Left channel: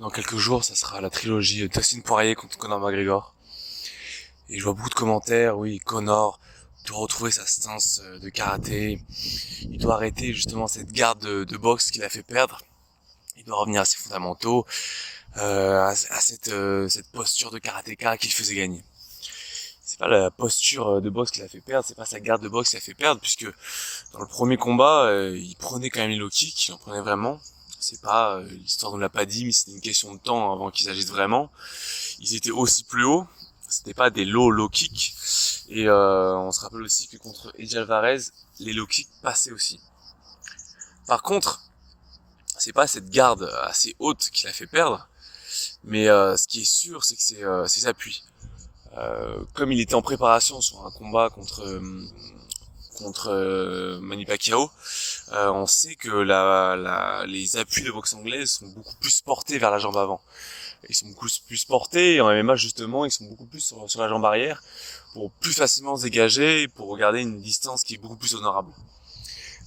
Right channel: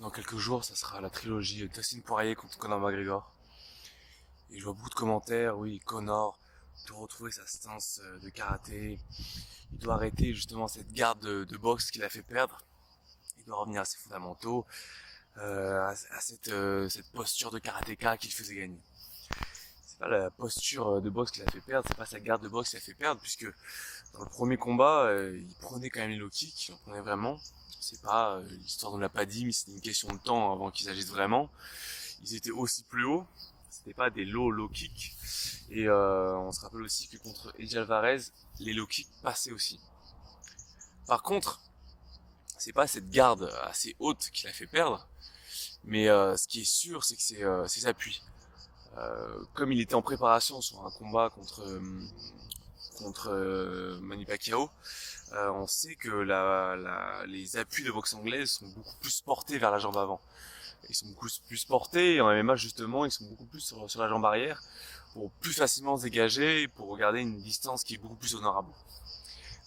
Dans quelques jours, ça sera la trilogie Dustin Poirier contre Conor McGregor. Et je vois beaucoup de commentaires, oui, Conor doit retrouver sa stance de karaté. Il doit arrêter justement cette garde de boxe qu'il a fait perdre. Il doit revenir à ses fondamentaux, cette posture de karatéka qu'il faisait gagner. C'est pas la posture de boxe qu'il a fait perdre, c'est pas sa garde de boxe qu'il a fait perdre, puisque dans le premier combat, il prenait quand même les low kicks, il en prenait vraiment. C'est pas, l'histoire ne l'a pas dit, mais c'était une question de temps avant qu'ils agissent vraiment. Ils étaient aussi plus hauts, c'était pas des low kicks. Et on se rappelle aussi que contre Eddie Alvarez, les low kicks passaient aussi. Par contre, c'est pas cette garde assez haute qui l'a fait perdre, mais ce qui est sûr, c'est que c'est ses appuis. Comme il était en préparation sur un combat contre Manny Pacquiao, on sait que les appuis de boxe anglaise sont beaucoup plus portés vers la jambe avant. Ils sont beaucoup plus portés, et en MMA justement, ils sont beaucoup plus sur la jambe arrière, pour plus facilement se dégager, pour garder une distance qui est beaucoup plus honorable.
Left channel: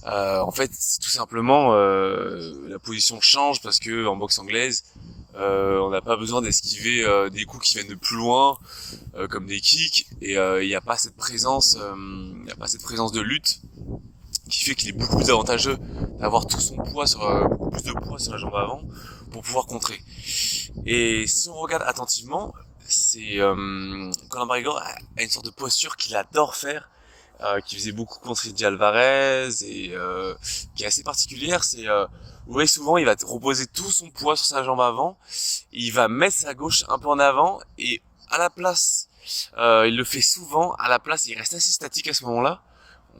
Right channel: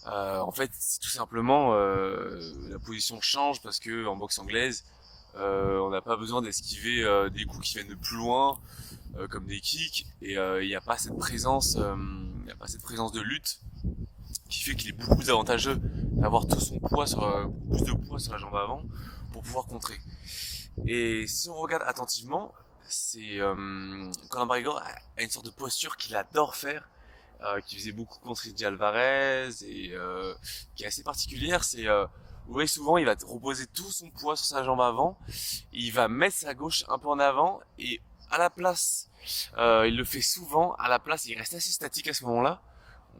En fait, c'est tout simplement la position change parce que en boxe anglaise, on n'a pas besoin d'esquiver des coups qui viennent de plus loin, comme des kicks, et il n'y a pas cette présence, il n'y a pas cette présence de lutte qui fait qu'il est beaucoup plus avantageux d'avoir tout son poids beaucoup plus de poids sur la jambe avant pour pouvoir contrer. Et si on regarde attentivement, c'est Conor McGregor a une sorte de posture qu'il adore faire, qui faisait beaucoup contre Eddie Alvarez et qui est assez particulière. C'est vous voyez souvent il va reposer tout son poids sur sa jambe avant, il va mettre sa gauche un peu en avant et à la place, il le fait souvent. À la place, il reste assez statique à ce moment-là.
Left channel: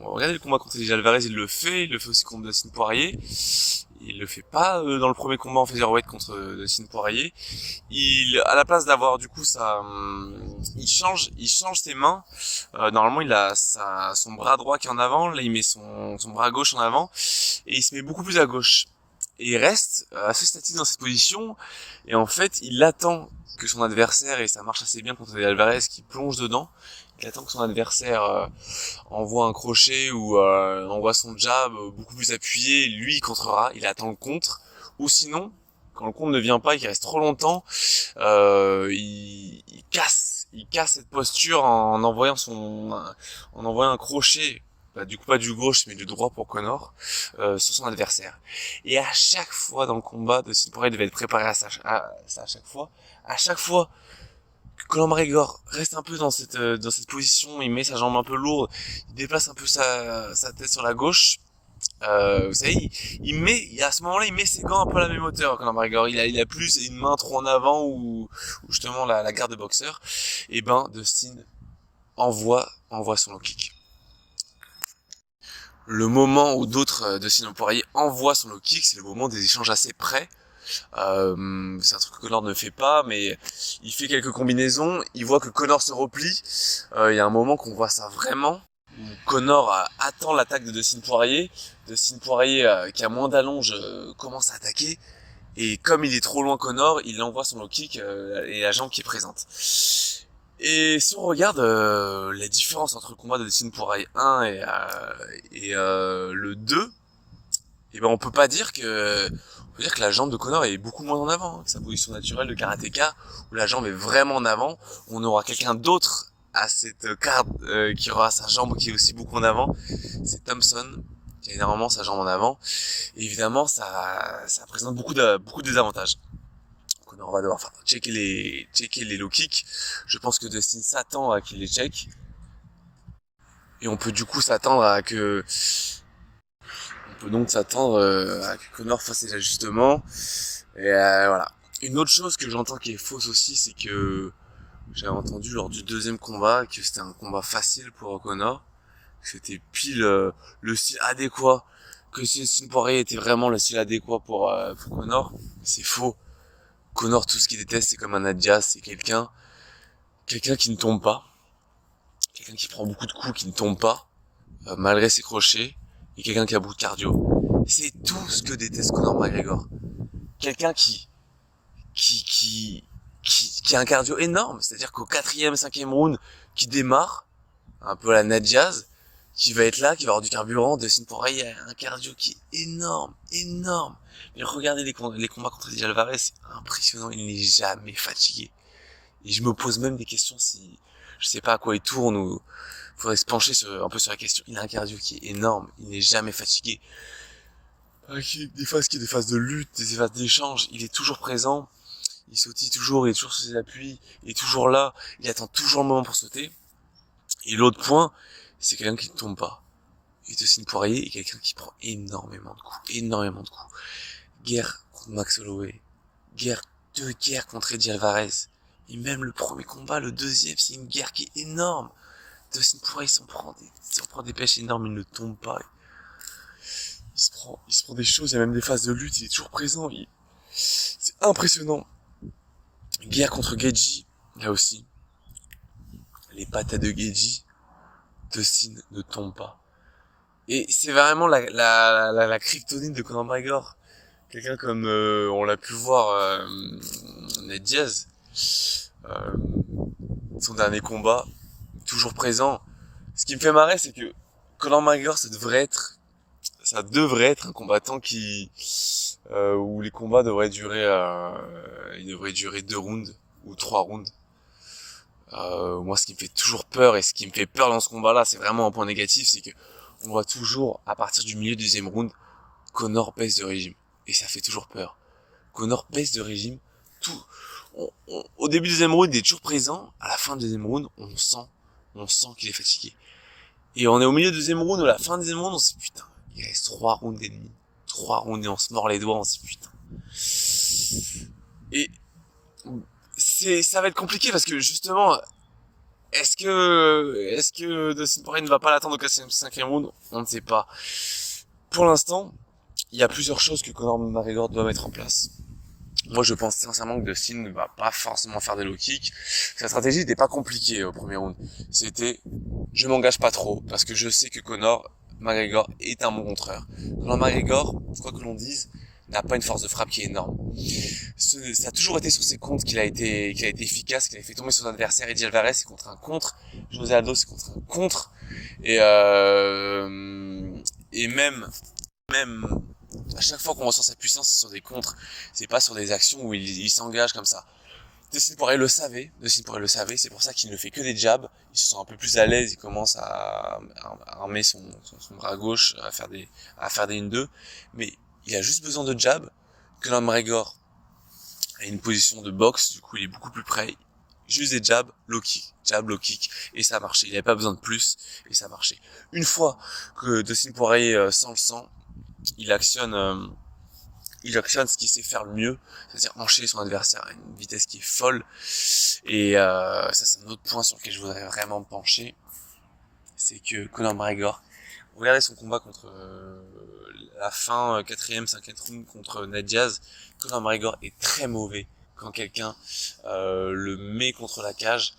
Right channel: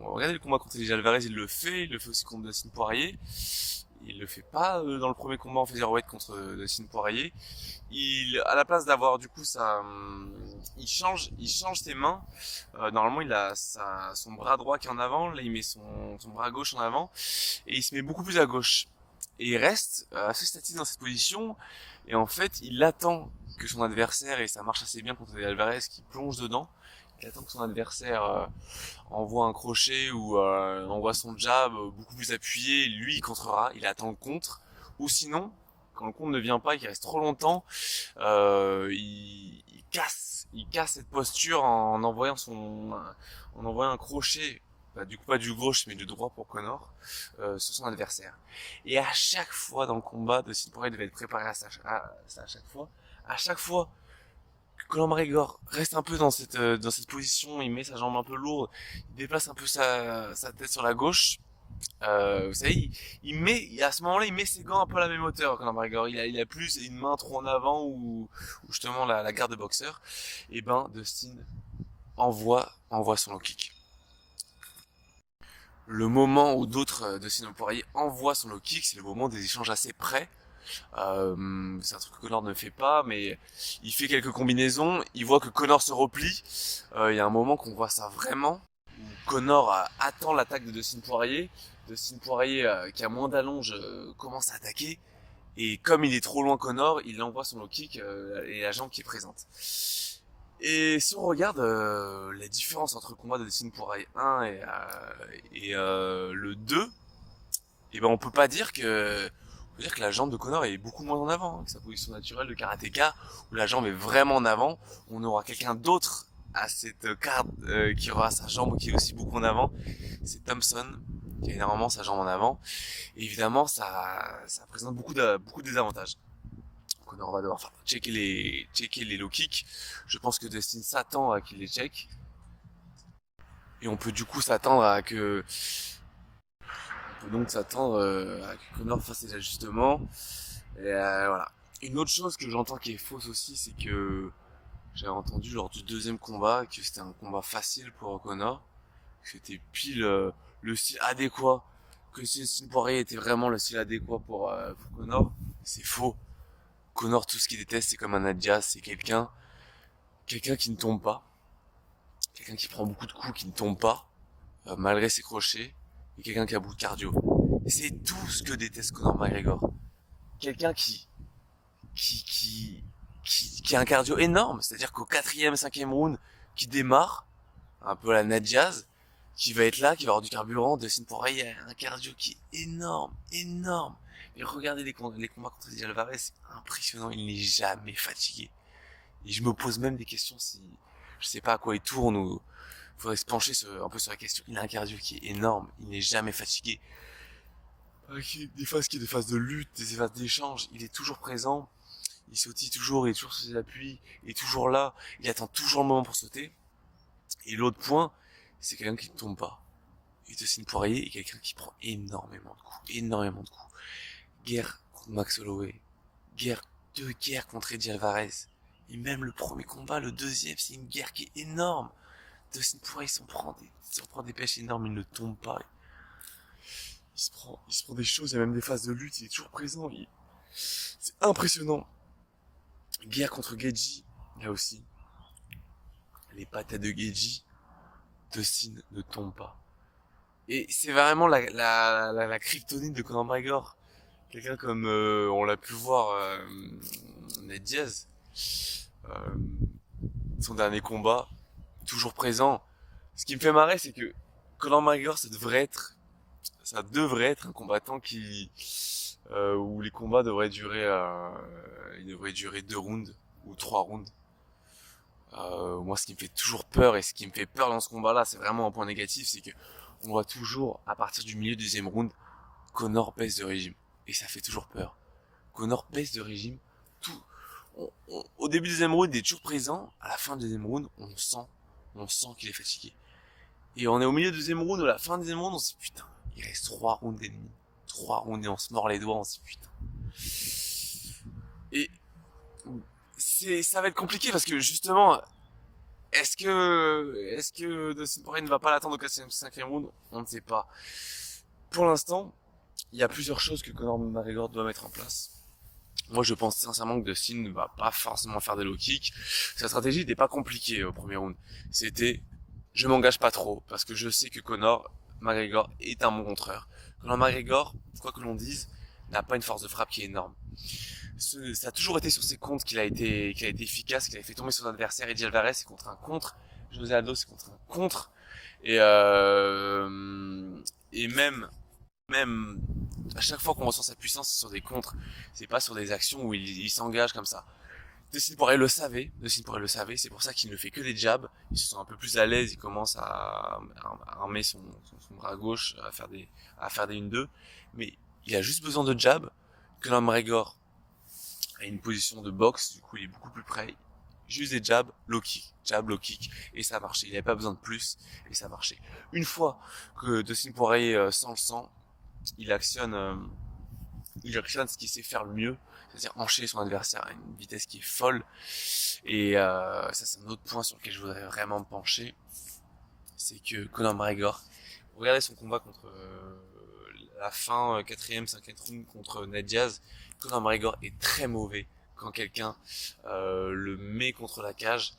Regardez le combat contre Eddie Alvarez, il le fait aussi contre Dustin Poirier. Il le fait pas dans le premier combat en featherweight contre Dustin Poirier. À la place d'avoir du coup il change ses mains. Normalement, il a son bras droit qui est en avant. Là, il met son bras gauche en avant et il se met beaucoup plus à gauche. Et il reste assez statique dans cette position. Et en fait, il attend que son adversaire, et ça marche assez bien contre Alvarez qui plonge dedans, il attend que son adversaire envoie un crochet ou envoie son jab beaucoup plus appuyé, lui il contrera, il attend le contre, ou sinon, quand le contre ne vient pas et qu'il reste trop longtemps, il casse cette posture en envoyant un crochet, bah, du coup pas du gauche mais du droit pour Conor, sur son adversaire. Et à chaque fois dans le combat, Dustin Poirier devait être préparé à ça, à chaque fois que Conor McGregor reste un peu dans cette position, il met sa jambe un peu lourde, il déplace un peu sa tête sur la gauche. Vous savez, à ce moment-là, il met ses gants un peu à la même hauteur. Conor McGregor, il a plus une main trop en avant ou justement la garde de boxeur. Et ben, Dustin envoie son low kick. Le moment où d'autres Dustin Poirier envoie son low kick, c'est le moment des échanges assez près. C'est un truc que Conor ne fait pas, mais il fait quelques combinaisons, il voit que Conor se replie, il y a un moment qu'on voit ça vraiment, où Conor attend l'attaque de Dustin Poirier qui a moins d'allonge commence à attaquer, et comme il est trop loin Conor, il envoie son low kick et la jambe qui est présente. Et si on regarde la différence entre le combat de Dustin Poirier 1 et le 2, et ben on peut dire que la jambe de Conor est beaucoup moins en avant, que sa position naturelle de karatéka, où la jambe est vraiment en avant. On aura quelqu'un d'autre à cette carte qui aura sa jambe qui est aussi beaucoup en avant. C'est Thompson, qui a énormément sa jambe en avant. Et évidemment, ça présente beaucoup de désavantages. Conor va devoir checker les low kicks. Je pense que Dustin s'attend à qu'il les check. Et on peut du coup s'attendre à que on peut donc s'attendre à que Conor fasse ses ajustements. Et voilà. Une autre chose que j'entends qui est fausse aussi, c'est que j'avais entendu lors du deuxième combat que c'était un combat facile pour Conor, que c'était pile le style adéquat, que si Dustin Poirier était vraiment le style adéquat pour Conor. C'est faux. Conor, tout ce qu'il déteste, c'est comme un Adias, c'est quelqu'un qui ne tombe pas, quelqu'un qui prend beaucoup de coups, qui ne tombe pas, malgré ses crochets, et quelqu'un qui a beaucoup de cardio. C'est tout ce que déteste Conor McGregor. Quelqu'un qui a un cardio énorme, c'est-à-dire qu'au quatrième, cinquième round, qui démarre, un peu à la Ned Diaz, qui va être là, qui va avoir du carburant, Dustin Poirier a un cardio qui est énorme, énorme. Mais regardez les combats contre Eddie Alvarez, c'est impressionnant, il n'est jamais fatigué. Et je me pose même des questions si, je sais pas à quoi il tourne ou, faudrait se pencher un peu sur la question. Il a un cardio qui est énorme, il n'est jamais fatigué. Des phases de lutte, des phases d'échange, il est toujours présent, il sautille toujours, il est toujours sur ses appuis, il est toujours là, il attend toujours le moment pour sauter. Et l'autre point, c'est quelqu'un qui ne tombe pas. Et Dustin Poirier est quelqu'un qui prend énormément de coups. Guerre contre Max Holloway, deux guerres contre Eddie Alvarez. Et même le premier combat, le deuxième, c'est une guerre qui est énorme. Dustin Poirier s'en prend des pêches énormes, il ne tombe pas. Il se prend des choses, il y a même des phases de lutte, il est toujours présent. C'est impressionnant. Guerre contre Gaethje, là aussi. Les patates de Gaethje, Dustin ne tombe pas. Et c'est vraiment la kryptonite de Conor McGregor. Quelqu'un comme on l'a pu voir Ned Diaz, son dernier combat, toujours présent. Ce qui me fait marrer, c'est que Conor McGregor, ça devrait être un combattant où les combats devraient durer 2 rounds ou 3 rounds. Moi, ce qui me fait toujours peur et ce qui me fait peur dans ce combat-là, c'est vraiment un point négatif, c'est que on voit toujours, à partir du milieu du deuxième round, Conor baisse de régime. Et ça fait toujours peur. Conor baisse de régime. Au début du deuxième round, il est toujours présent. À la fin du deuxième round, on sent qu'il est fatigué. Et on est au milieu du deuxième round, ou à la fin du deuxième round, on se dit putain, il reste 3 rounds et demi. 3 rounds et on se mord les doigts, on se dit putain. Et ça va être compliqué parce que justement, est-ce que Dustin Poirier ne va pas l'attendre au 5e round? On ne sait pas. Pour l'instant, il y a plusieurs choses que Conor McGregor doit mettre en place. Moi, je pense sincèrement que Dustin ne va pas forcément faire des low kicks. Sa stratégie n'était pas compliquée au premier round. C'était, je m'engage pas trop, parce que je sais que Conor McGregor est un bon contreur. Conor McGregor, quoi que l'on dise, n'a pas une force de frappe qui est énorme. Ça a toujours été sur ses contres qu'il a été efficace, qu'il a fait tomber son adversaire. Eddie Alvarez, c'est contre un contre. José Aldo, c'est contre un contre. Et même à chaque fois qu'on ressent sa puissance, c'est sur des contres. C'est pas sur des actions où il s'engage comme ça. Dustin Poirier le savait. C'est pour ça qu'il ne fait que des jabs. Il se sent un peu plus à l'aise. Il commence à armer son bras gauche, à faire des 1-2. Mais il a juste besoin de jabs. Conor McGregor a une position de boxe. Du coup, il est beaucoup plus près. Juste des jabs, low kick, jab, low kick. Et ça a marché. Il n'avait pas besoin de plus. Et ça a marché. Une fois que Dustin Poirier sent le sang, il actionne ce qu'il sait faire le mieux, c'est-à-dire enchaîner son adversaire à une vitesse qui est folle. Et ça, c'est un autre point sur lequel je voudrais vraiment me pencher, c'est que Conor McGregor, regardez son combat contre la fin 4e, 5e round contre Ned Diaz. Conor McGregor est très mauvais quand quelqu'un le met contre la cage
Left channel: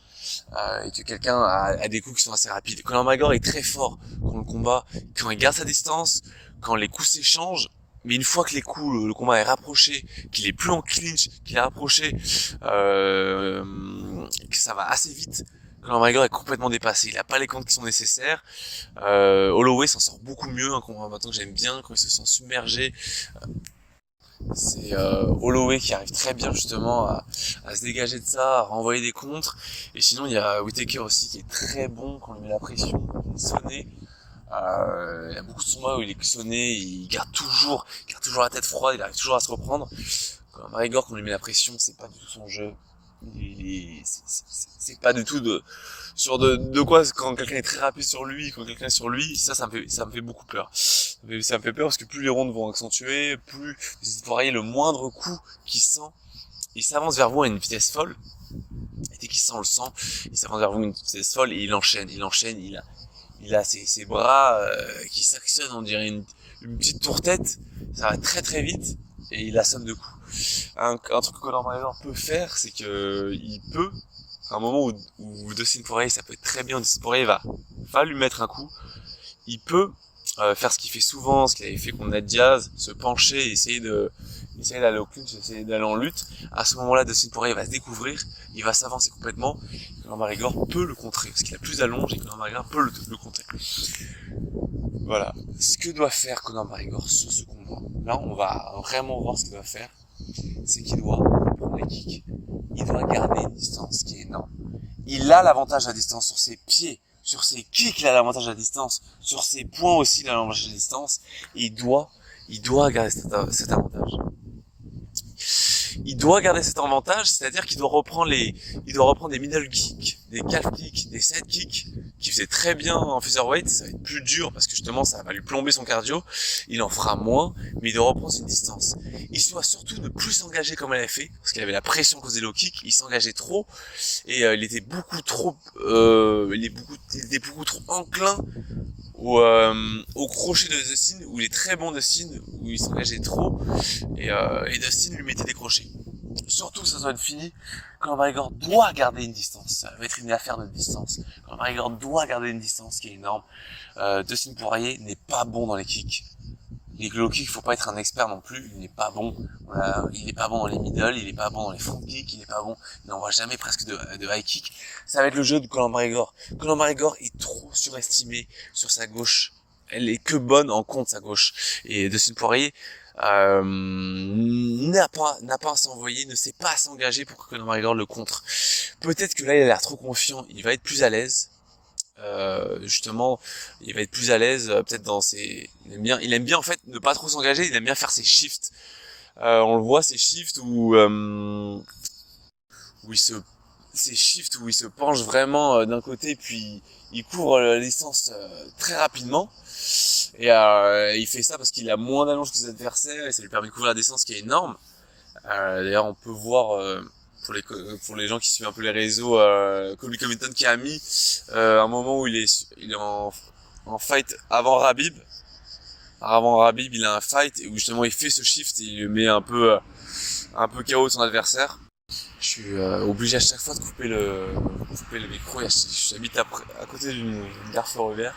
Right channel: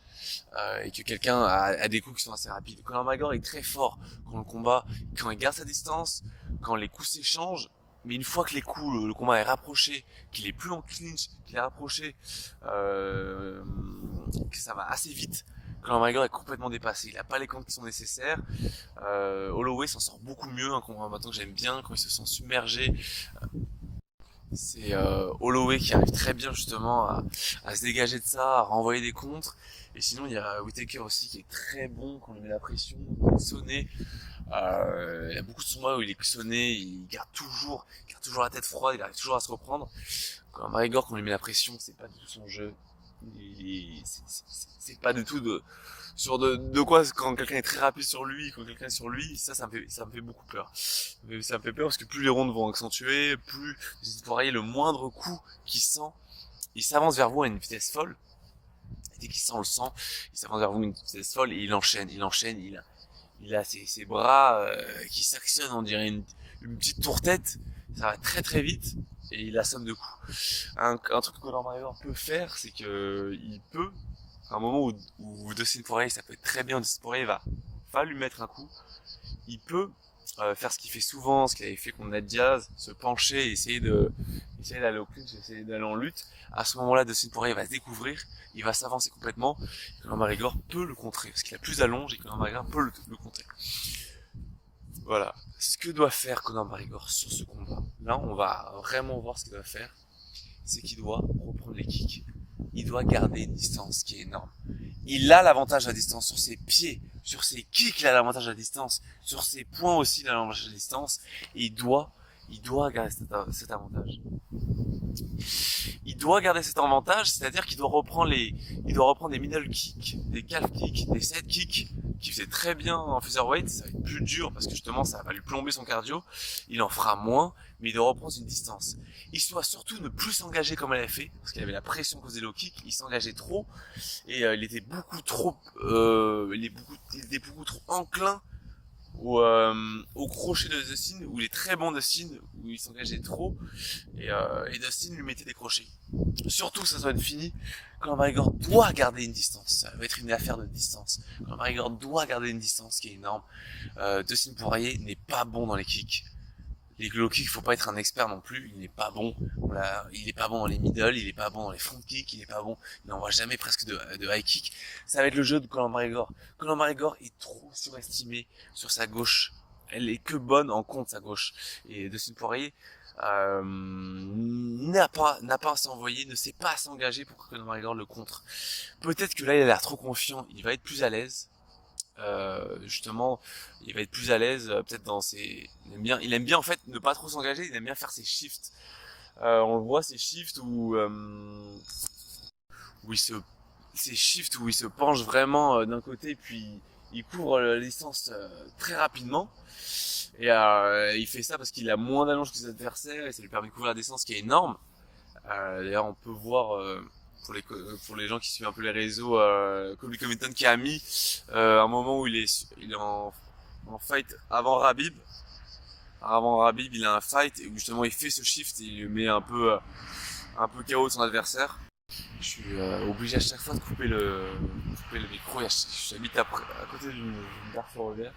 et que quelqu'un a des coups qui sont assez rapides. Conor McGregor est très fort quand le combat, quand il garde sa distance, quand les coups s'échangent. Mais une fois que le combat est rapproché, qu'il est plus en clinch, qu'il est rapproché, que ça va assez vite, Conor McGregor est complètement dépassé. Il a pas les comptes qui sont nécessaires. Holloway s'en sort beaucoup mieux, un combattant que j'aime bien quand il se sent submergé. C'est Holloway qui arrive très bien justement à se dégager de ça, à renvoyer des contres. Et sinon il y a Whittaker aussi qui est très bon quand il met la pression, sonné. Il y a beaucoup de combats où il est sonné, il garde toujours la tête froide, il arrive toujours à se reprendre. Quand McGregor, quand on lui met la pression, c'est pas du tout son jeu. C'est pas du tout de quoi quand quelqu'un est très rapide sur lui, ça me fait beaucoup peur. Ça me fait peur parce que plus les rondes vont accentuer, plus vous voyez le moindre coup qu'il sent, il s'avance vers vous à une vitesse folle. Et dès qu'il sent le sang, il s'avance vers vous à une vitesse folle et il enchaîne, il a ses bras qui s'actionnent, on dirait une petite tour-tête, ça va très très vite et il assomme de coups. Un truc que Conor McGregor peut faire, c'est que il peut, à un moment où Dustin Poirier, ça peut être très bien, Dustin Poirier va lui mettre un coup, il peut faire ce qu'il fait souvent, ce qu'il avait fait contre Ned Diaz, se pencher et essayer d'aller au clinch, essayer d'aller en lutte. À ce moment-là, Dustin Poirier va se découvrir, il va s'avancer complètement. Conor McGregor peut le contrer, parce qu'il a plus d'allonge et Conor McGregor peut le contrer. Voilà. Ce que doit faire Conor McGregor sur ce combat, là on va vraiment voir ce qu'il doit faire, c'est qu'il doit prendre les kicks. Il doit garder une distance qui est énorme. Il a l'avantage à distance sur ses pieds, sur ses kicks, il a l'avantage à distance, sur ses poings aussi, il a l'avantage à distance, et il doit garder cet avantage. Il doit garder cet avantage, c'est-à-dire qu'il doit reprendre des middle kicks, des calf kicks, des side kicks, qu'il faisait très bien en featherweight. Ça va être plus dur parce que justement ça va lui plomber son cardio. Il en fera moins, mais il doit reprendre une distance. Il doit surtout ne plus s'engager comme il avait fait, parce qu'il avait la pression causée low kick, il s'engageait trop, et il était beaucoup trop enclin au crochet de Dustin, où il est très bon Dustin, où il s'engageait trop, et Dustin lui mettait des crochets. Surtout que ça soit fini, Conor McGregor doit garder une distance. Ça va être une affaire de distance. Conor McGregor doit garder une distance qui est énorme. Dustin Poirier n'est pas bon dans les kicks. Les low kicks, il faut pas être un expert non plus. Il n'est pas bon. Voilà, il est pas bon dans les middle, il est pas bon dans les front kicks, il est pas bon. Il n'envoie jamais presque de high kick. Ça va être le jeu de Conor McGregor. Conor McGregor est trop surestimé sur sa gauche. Elle est que bonne en contre sa gauche. Et Dustin Poirier n'a pas à s'envoyer, ne sait pas à s'engager pour que Conor McGregor le contre. Peut-être que là il a l'air trop confiant, il va être plus à l'aise. Justement, il va être plus à l'aise, peut-être dans ses. Il aime bien en fait ne pas trop s'engager. Il aime bien faire ses shifts. On le voit ces shifts où il se penche vraiment d'un côté, puis il couvre la distance très rapidement. Et il fait ça parce qu'il a moins d'allonge que ses adversaires et ça lui permet de couvrir la distance qui est énorme. D'ailleurs, on peut voir pour les gens qui suivent un peu les réseaux, Colby Covington qui a mis un moment où il est en fight avant Khabib. Avant Khabib, il a un fight où justement il fait ce shift et il le met un peu KO de son adversaire. Je suis obligé à chaque fois de couper le micro. J'habite à côté d'une gare ferroviaire.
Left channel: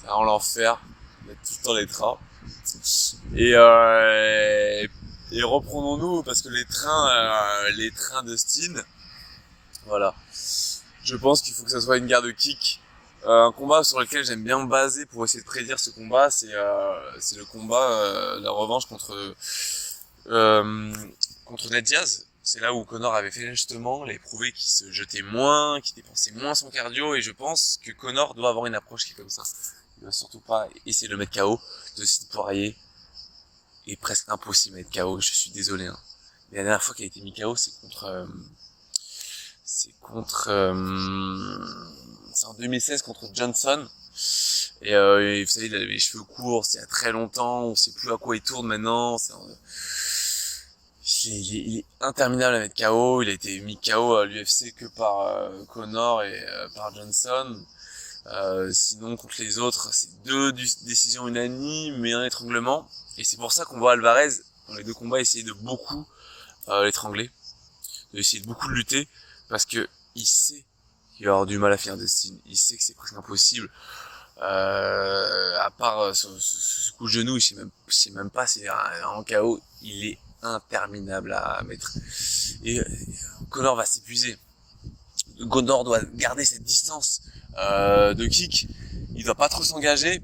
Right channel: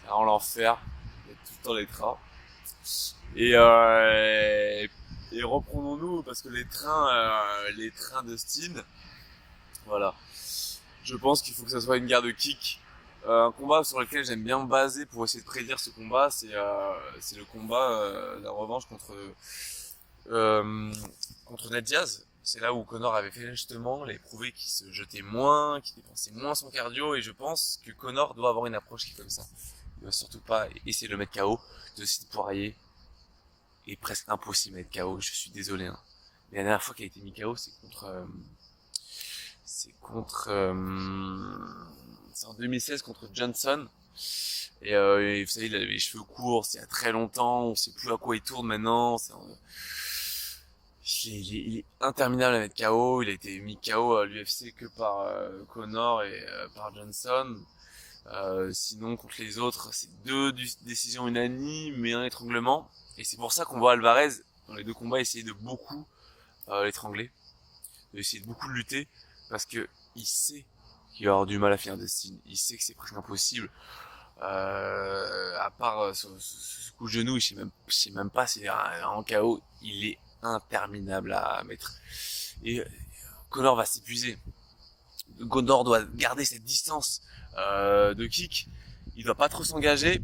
C'est vraiment l'enfer d'être tout le temps les trains. Et reprenons-nous parce que les trains de Steen, voilà. Je pense qu'il faut que ça soit une guerre de kick. Un combat sur lequel j'aime bien me baser pour essayer de prédire ce combat, c'est le combat, la revanche contre Ned Diaz. C'est là où Conor avait fait justement, il avait prouvé qu'il se jetait moins, qu'il dépensait moins son cardio, et je pense que Conor doit avoir une approche qui est comme ça. Il doit surtout pas essayer de le mettre KO. Dustin Poirier est presque impossible à mettre KO, je suis désolé. Hein. Mais la dernière fois qu'il a été mis KO, c'est en 2016 contre Johnson. Et vous savez, il avait les cheveux courts, c'est il y a très longtemps, on sait plus à quoi il tourne maintenant. Il est interminable à mettre KO, il a été mis KO à l'UFC que par Conor et par Johnson. Sinon, contre les autres, c'est 2 décisions unanimes et un étranglement. Et c'est pour ça qu'on voit Alvarez, dans les 2 combats, essayer de beaucoup l'étrangler, d'essayer de beaucoup lutter, parce que il sait qu'il va avoir du mal à finir Dustin. Il sait que c'est presque impossible. À part ce coup de genou, je sais même pas s'il est en KO. Il est interminable à mettre. Et Conor va s'épuiser. Conor doit garder cette distance de kick. Il doit pas trop s'engager.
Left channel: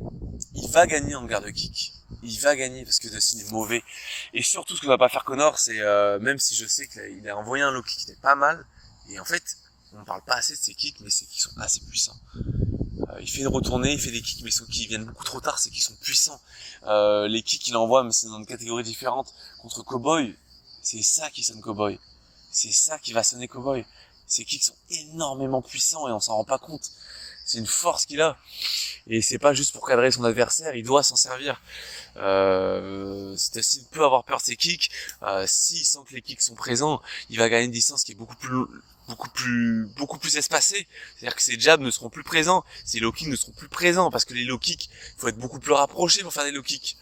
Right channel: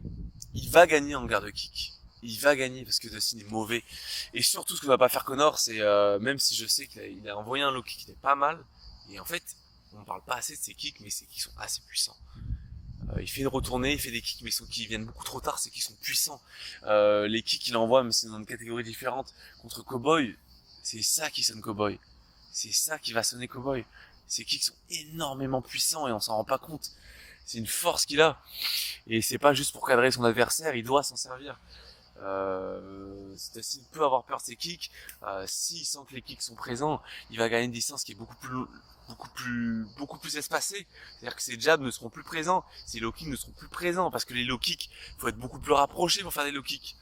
Il va gagner en garde de kick. Il va gagner parce que Dustin est mauvais. Et surtout, ce que va pas faire Conor, c'est même si je sais qu'il a envoyé un low kick qui était pas mal. Et en fait, on parle pas assez de ses kicks, mais ses kicks sont assez puissants. Il fait une retournée, il fait des kicks, mais qui viennent beaucoup trop tard, c'est qu'ils sont puissants. Les kicks qu'il envoie, mais c'est dans une catégorie différente. Contre Cowboy, c'est ça qui sonne Cowboy. C'est ça qui va sonner Cowboy. Ces kicks sont énormément puissants et on s'en rend pas compte. C'est une force qu'il a. Et c'est pas juste pour cadrer son adversaire, il doit s'en servir. Dustin peut avoir peur de ses kicks. S'il sent que les kicks sont présents, il va gagner une distance qui est beaucoup plus espacée. C'est-à-dire que ses jabs ne seront plus présents, ses low kicks ne seront plus présents, parce que les low kicks, il faut être beaucoup plus rapproché pour faire des low kicks.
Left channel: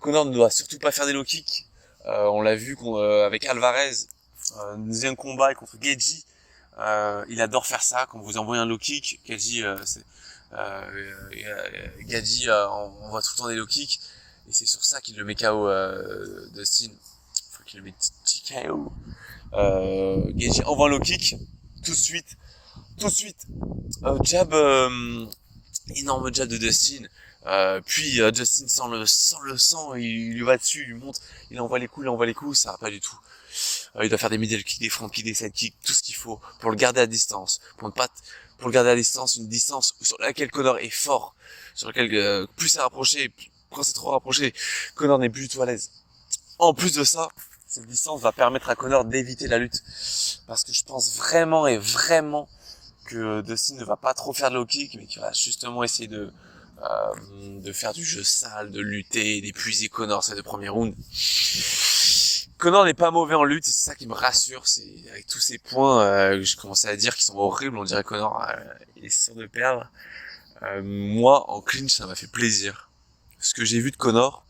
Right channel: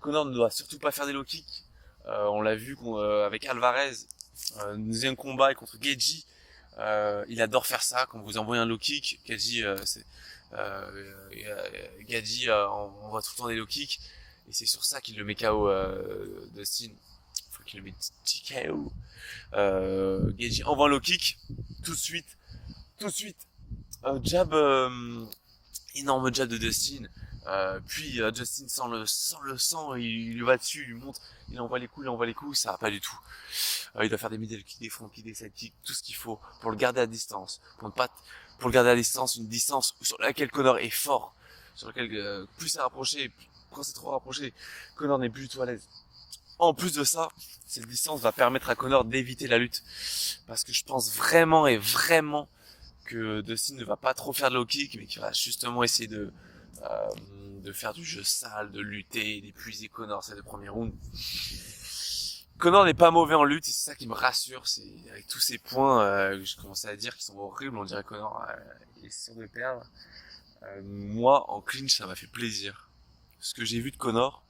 Conor ne doit surtout pas faire des low kicks. On l'a vu avec Alvarez, deuxième combat contre Gaethje. Il adore faire ça, quand vous envoyez un low kick, Gaethje on voit tout le temps des low kicks, et c'est sur ça qu'il le met KO Dustin. Faut qu'il le mette KO. Gaethje envoie un low kick tout de suite jab, énorme jab de Dustin. Justin sans le sang, il lui va dessus, il lui monte, il envoie les coups, ça va pas du tout. Il doit faire des middle kicks, des front kicks, des side kicks, tout ce qu'il faut pour le garder à distance, pour le garder à distance, une distance sur laquelle Conor est fort, sur laquelle plus c'est rapproché, quand c'est trop rapproché, Conor n'est plus du tout à l'aise. En plus de ça, cette distance va permettre à Conor d'éviter la lutte, parce que je pense vraiment que Dustin ne va pas trop faire de low kick, mais qu'il va justement essayer de faire du jeu sale, de lutter, d'épuiser Conor ces 2 premiers rounds. Conor n'est pas mauvais en lutte, et c'est ça qui me rassure, c'est avec tous ces points que je commençais à dire qui sont horribles, on dirait Conor il est sûr de perdre. Moi, en clinch, ça m'a fait plaisir. Ce que j'ai vu de Conor,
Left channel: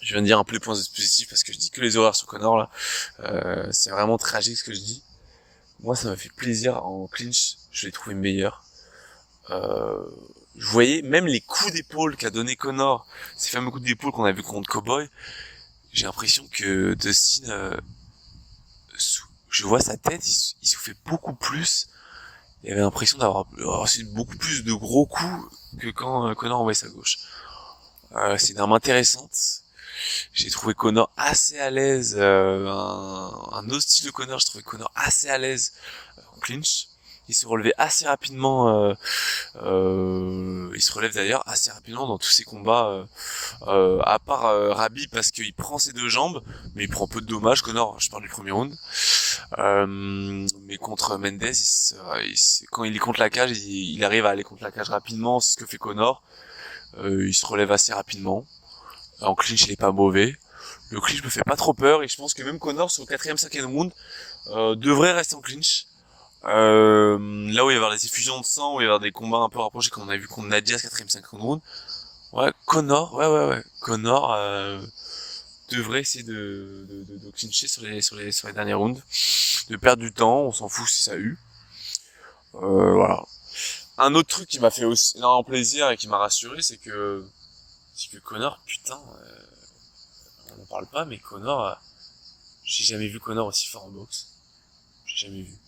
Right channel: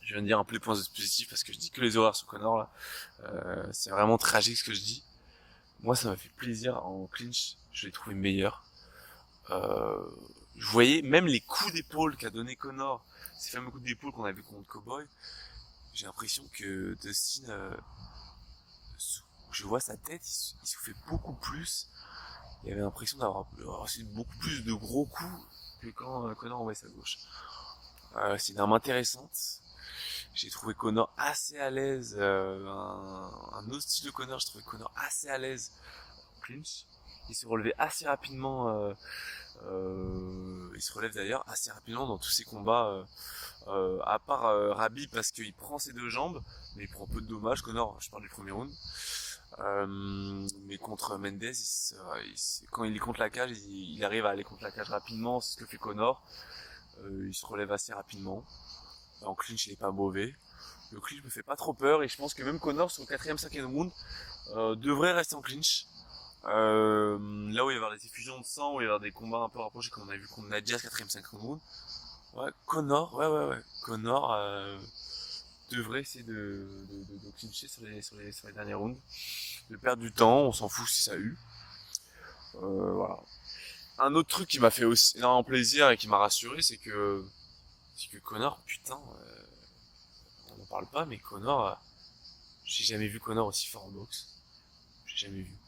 je viens de dire un peu les points positifs parce que je dis que les horreurs sur Conor là, c'est vraiment tragique ce que je dis. Moi, ça m'a fait plaisir en clinch, je l'ai trouvé meilleur. Je voyais même les coups d'épaule qu'a donné Conor, ces fameux coups d'épaule qu'on a vu contre Cowboy. J'ai l'impression que Dustin, je vois sa tête, il soufflait beaucoup plus. Il avait l'impression d'avoir reçu beaucoup plus de gros coups que quand Conor envoyait sa gauche. C'est une arme intéressante. J'ai trouvé Conor assez à l'aise, un autre style de Conor, je trouvais Conor assez à l'aise en clinch. Il se relevait assez rapidement, il se relève d'ailleurs assez rapidement dans tous ses combats, à part Rabi parce qu'il prend ses 2 jambes, mais il prend peu de dommages, Conor, je parle du premier round. Mais contre Mendes, quand il est contre la cage, il arrive à aller contre la cage rapidement, c'est ce que fait Conor. Il se relève assez rapidement. En clinch, il est pas mauvais. Le clinch me fait pas trop peur et je pense que même Conor sur le 4e, 5e round devrait rester en clinch. Là où il va y avoir des effusions de sang, où il va y avoir des combats un peu rapprochés comme on a vu contre Nadia 4e, 5e round. Ouais, Conor, ouais. Conor devrait essayer de clincher sur les derniers rounds. De perdre du temps, on s'en fout si ça a eu. Voilà. Un autre truc qui m'a fait aussi énormément plaisir et qui m'a rassuré, c'est que Conor, putain, on n'en parle pas, mais Conor, j'ai jamais vu Conor aussi fort en boxe. J'ai jamais vu.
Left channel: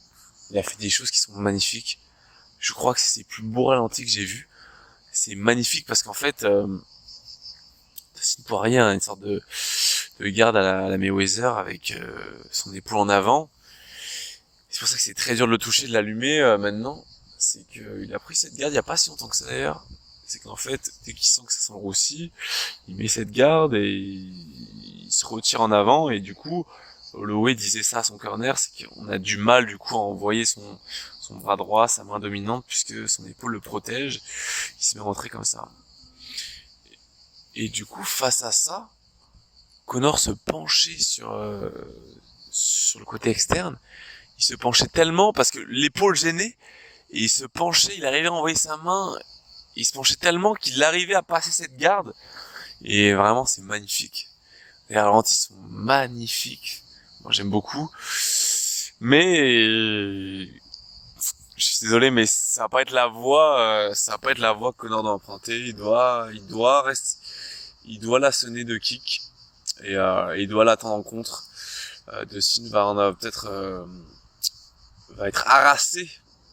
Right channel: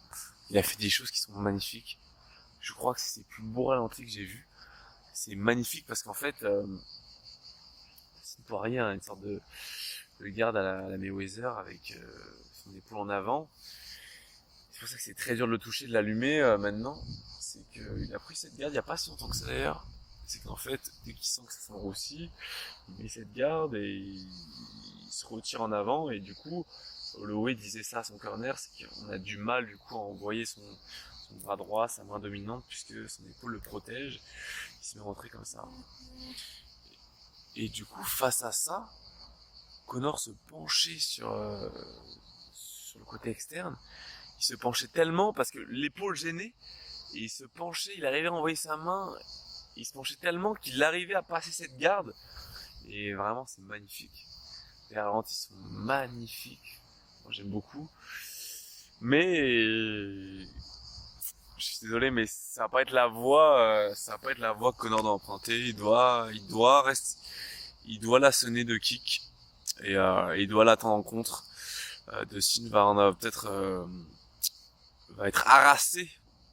Il a fait des choses qui sont magnifiques. Je crois que c'est ses plus beaux ralentis que j'ai vus. C'est magnifique parce qu'en fait, Dustin Poirier a une sorte de garde à la Mayweather avec son épaule en avant. C'est pour ça que c'est très dur de le toucher, de l'allumer maintenant. C'est qu'il a pris cette garde il y a pas si longtemps que ça d'ailleurs. C'est qu'en fait, dès qu'il sent que ça s'enroussit, il met cette garde et il se retire en avant et du coup, Holloway disait ça à son corner, c'est qu'on a du mal du coup à envoyer son bras droit, sa main dominante, puisque son épaule le protège, il se met rentré comme ça. Et du coup, face à ça, Conor se penchait sur le côté externe, il se penchait tellement parce que l'épaule gênait, et il se penchait, il arrivait à envoyer sa main, il se penchait tellement qu'il arrivait à passer cette garde, et vraiment c'est magnifique. Les ralentis sont magnifiques. Moi j'aime beaucoup. Mais je suis désolé, mais ça va pas être la voie, que Conor doit emprunter. Il doit la sonner de kick et il doit l'attendre en contre. Dustin va être harassé.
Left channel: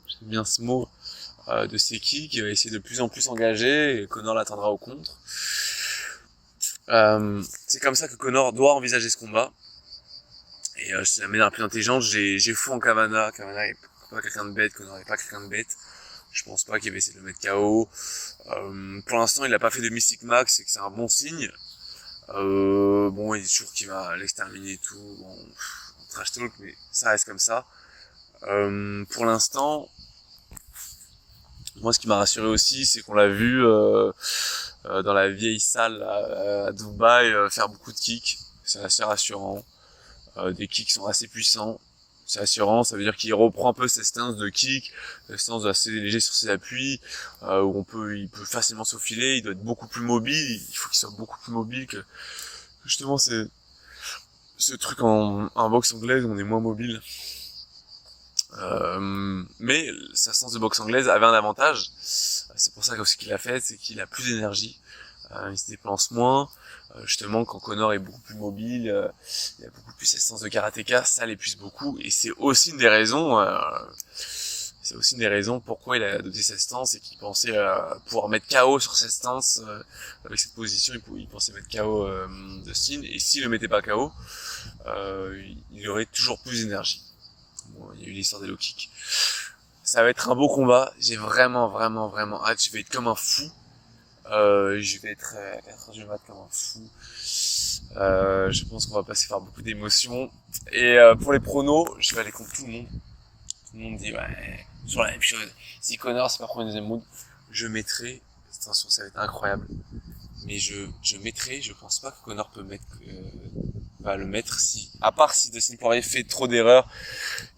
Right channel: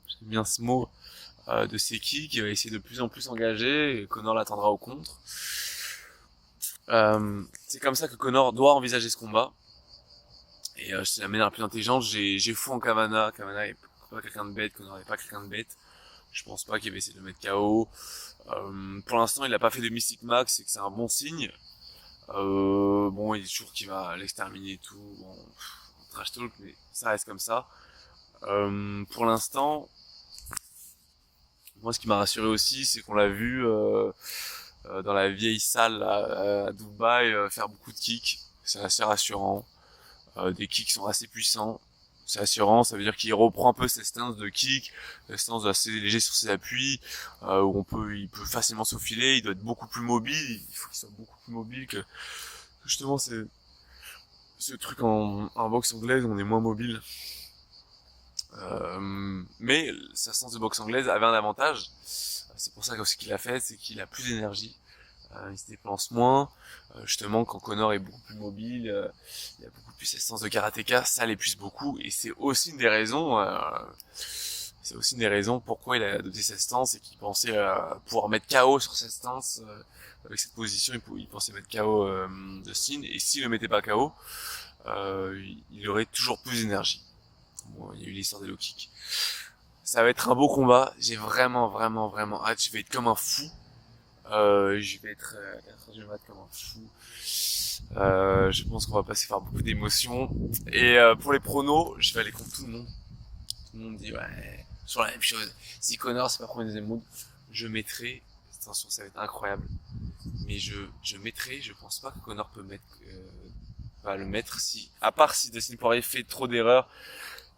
J'aime bien ce mot. De ses kicks, il va essayer de plus en plus engager et Conor l'attendra au contre. C'est comme ça que Conor doit envisager ce combat. Et c'est la manière la plus intelligente. J'ai foi en Kavanagh. Kavanagh est pas quelqu'un de bête, Conor est pas quelqu'un de bête. Je pense pas qu'il va essayer de le mettre KO. Pour l'instant, il a pas fait de Mystic Max, et que c'est un bon signe. Bon, il dit toujours qu'il va l'exterminer et tout. Bon, trash talk, mais ça reste comme ça. Pour l'instant, moi, ce qui m'a rassuré aussi, c'est qu'on l'a vu dans la vieille salle à Dubaï faire beaucoup de kicks. C'est assez rassurant. Des kicks sont assez puissants. C'est rassurant, ça veut dire qu'il reprend un peu cette stance de kick, cette stance assez léger sur ses appuis, où il peut facilement s'aufiler, il doit être beaucoup plus mobile, il faut qu'il soit beaucoup plus mobile que justement c'est ce truc en boxe anglaise où on est moins mobile. Mais sa stance de boxe anglaise avait un avantage, c'est pour ça que ce qu'il a fait, c'est qu'il a plus d'énergie. Il se déplace moins, justement quand Conor est beaucoup plus mobile, il a beaucoup plus cette sens de karatéka, ça l'épuise beaucoup, et c'est aussi une des raisons, C'est aussi une des raisons pourquoi il a adopté cette stance et qu'il pensait pouvoir mettre KO sur cette stance. Avec cette position, il pensait mettre KO Dustin. Et s'il le mettait pas KO, il aurait toujours plus d'énergie. Bon, il y a eu l'histoire des low kicks. Ça va être un beau combat. J'ai vraiment, vraiment, vraiment hâte. Je vais être comme un fou. Je vais être à 4h du mat comme un fou. Je pense qu'on va passer par beaucoup d'émotions. Et pour les pronos, je vais aller contre tout le monde. Tout le monde dit ouais, sur la même chose. Si Conor c'est pas premier deuxième round, je mettrai. Attention, ça va être incroyable. Mais je mettrai. Je pense pas que Conor peut mettre. Va le mettre si, à part si Dustin Poirier fait trop d'erreurs.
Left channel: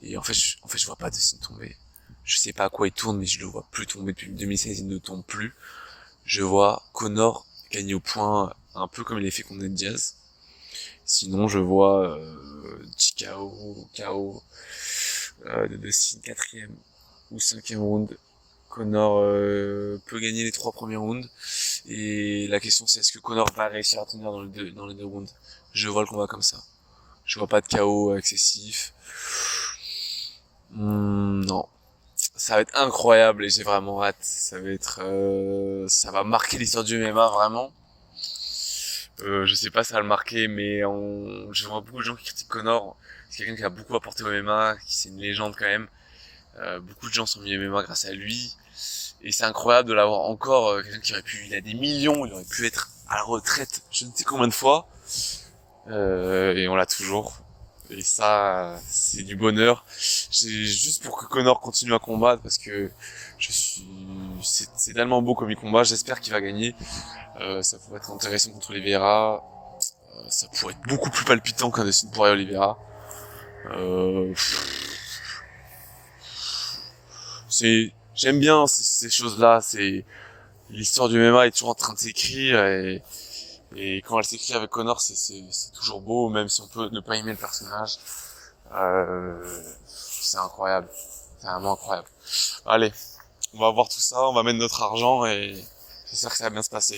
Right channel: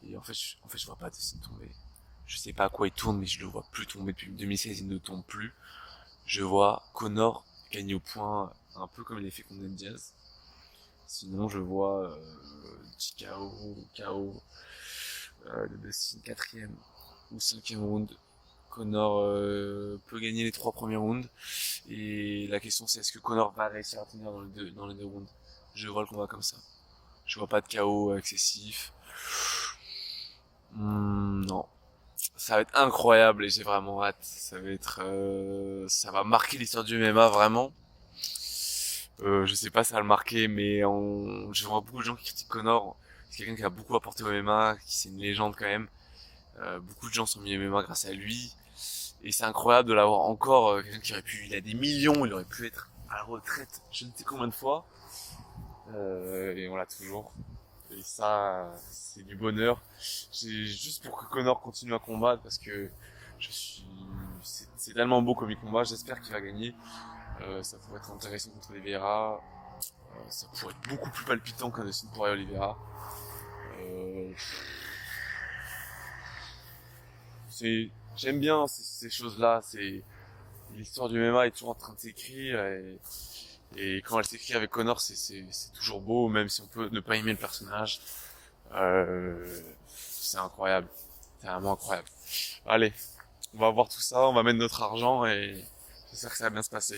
Et en fait, je vois pas Dustin tomber. Je sais pas à quoi il tourne, mais je le vois plus tomber depuis 2016. Il ne tombe plus. Je vois Conor gagner au point, un peu comme il est fait contre Ned Diaz. Sinon, je vois KO de Dustin 4e ou 5e round. Conor peut gagner les 3 premiers rounds. Et la question c'est est-ce que Conor va réussir à tenir dans les deux rounds. Je vois le combat comme ça. Je vois pas de KO excessif. Non. Ça va être incroyable et j'ai vraiment hâte. Ça va être, ça va marquer l'histoire du MMA vraiment. Je sais pas si ça va le marquer, mais je vois beaucoup de gens qui critiquent Conor. C'est quelqu'un qui a beaucoup apporté au MMA, qui c'est une légende quand même. Beaucoup de gens sont mis au MMA grâce à lui. Et c'est incroyable de l'avoir encore, quelqu'un qui aurait pu, il a des millions, il aurait pu être à la retraite je ne sais combien de fois. Et on l'a toujours. Et ça, c'est du bonheur. C'est juste pour que Conor continue à combattre parce que c'est tellement beau comme il combat. J'espère qu'il va gagner. Ça pourrait être intéressant contre Oliveira. Ça pourrait être beaucoup plus palpitant qu'un Dustin Poirier Oliveira. Euh, j'aime bien ces choses-là. C'est, l'histoire du MMA est toujours en train de s'écrire et quand elle s'écrit avec Conor, c'est toujours beau, même si on peut ne pas aimer le personnage. C'est incroyable. C'est vraiment incroyable. Allez, on va voir tout ça, on va mettre notre argent et j'espère que ça va bien se passer.